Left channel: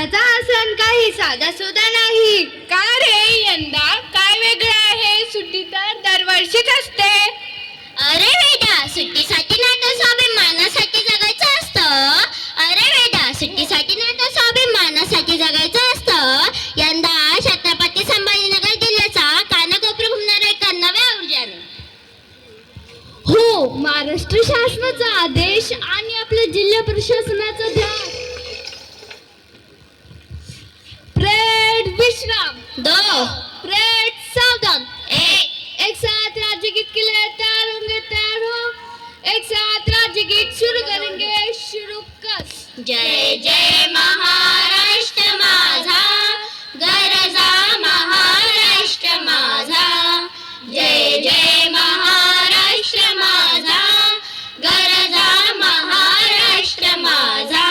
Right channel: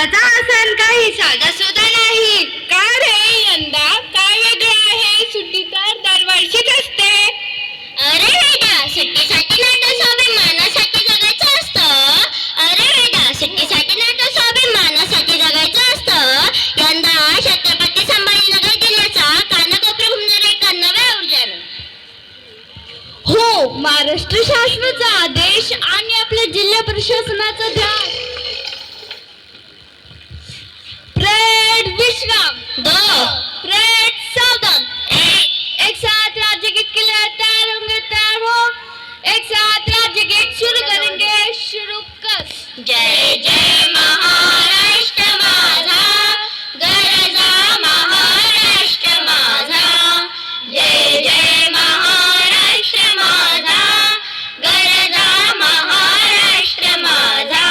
यंदाचा हा सण काही साधा सुद्धा नाही. का रे, यंदा काय वेगळं आहे? सुट्टी तर दरवर्षीच असते. अरे वेदा, सुट्टीसाठी नाही तर स्वाभिमानासाठी जगायचं असतं. अरे वेदा, सुट्टीसाठी नाही तर स्वाभिमानासाठी जगायचं असतं. यंदा छत्रपती संभाजीनगर जिल्ह्याचा कानाकोपरा घुमणार एका नव्या ऊर्जानं. हो, महाराष्ट्र शासनाचा आदेश आणि आपल्या जिल्हा प्रशासनाचा ध्यान. परेड विश्राम. 2 परेड सावधान. एक साथ राज्य गीत के लिए तैयार होंगे, तैयार हो. एक साथ राज्य गीत शुरू करेंगे, शुरू कर. जय जय महाराष्ट्र माझा, गरजा महाराष्ट्र माझा. जय जय महाराष्ट्र माझा, गरजा महाराष्ट्र माझा.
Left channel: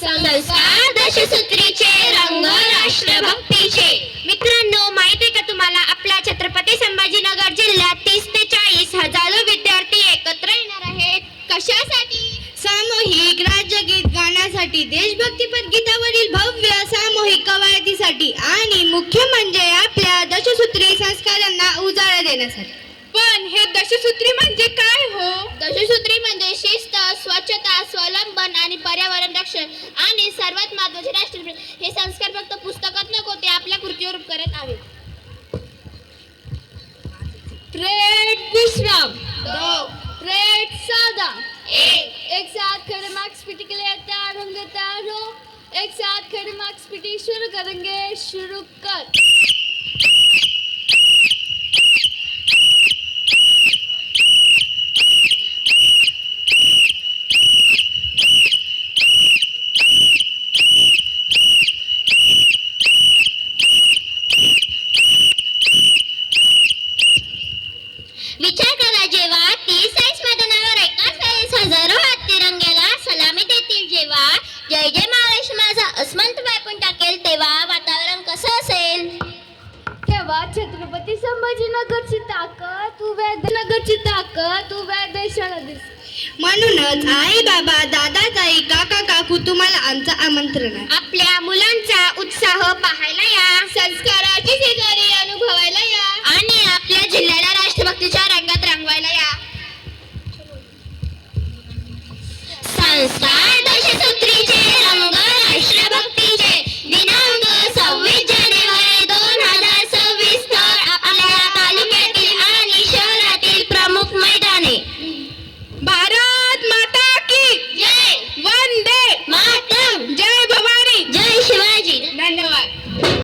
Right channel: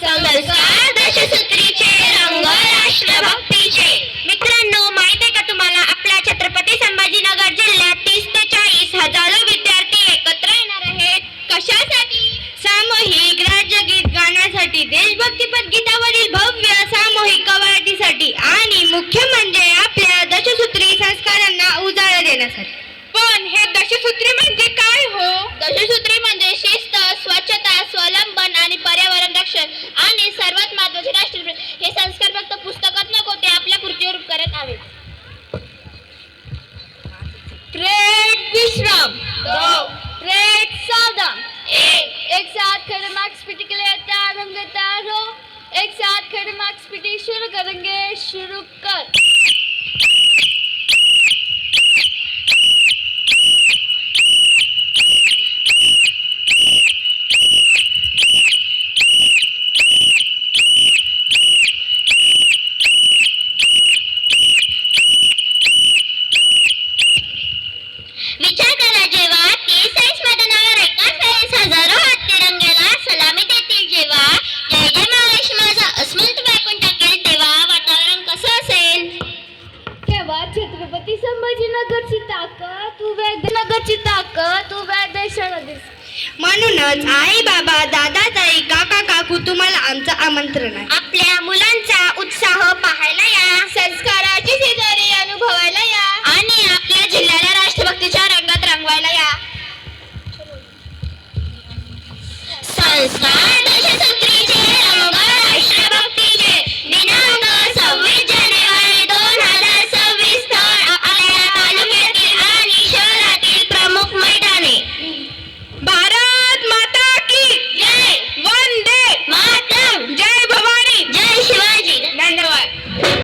संस्कार दशसूत्रीचे, रंग राष्ट्रभक्तीचे. मित्रांनो, माहिती आहे का तुम्हाला, आपल्या छत्रपती संभाजीनगर जिल्ह्यात 30 ते 40 हजारो विद्यार्थी एकत्र येणार आहेत. कशासाठी? सामूहिक राज्यगीत गाण्यासाठी, देशभक्तीपर गीतावरील भव्य सामूहिक कवायतीसाठी आणि मुख्य म्हणजे आपल्या दशसूत्री संस्कारांना उजाळा देण्यासाठी. पण हे दशसूत्री म्हणजे काय हो? दशसूत्री म्हणजे शिस्त, स्वच्छता, स्वावलंबन आणि पर्यावरण रक्षण आणि सर्वात महत्त्वाचे राष्ट्रप्रेम. हे संस्कार फक्त पुस्तकात नको, ते आपल्या कृतीवर करत हवे. परेड विश्राम. 2 परेड सावधान. 1 एक साथ खड़े मार्क्स पीटी के लिए तैयार होंगे, तैयार हो. एक साथ खड़े मार्क्स पीटी शुरू करेंगे, शुरू कर. विचार करा, जेव्हा 30 मैदानावर एकाच वेळेस हजारो हात तिरंग्याला सलामी देतील, जेव्हा जय जय महाराष्ट्र माझा अस्मंत व्यापून टाकेल, तेव्हा वातावरण कसं असेल? तेव्हा छत्रपती संभाजीनगरची ताकद उभ्या देशाला दिसते. म्हणूनच आई बाबा, दादा ताई, काका काकू, तुम्हाला आमचं आमंत्रण आहे. आपल्या मुलांचा उत्साह पाहायला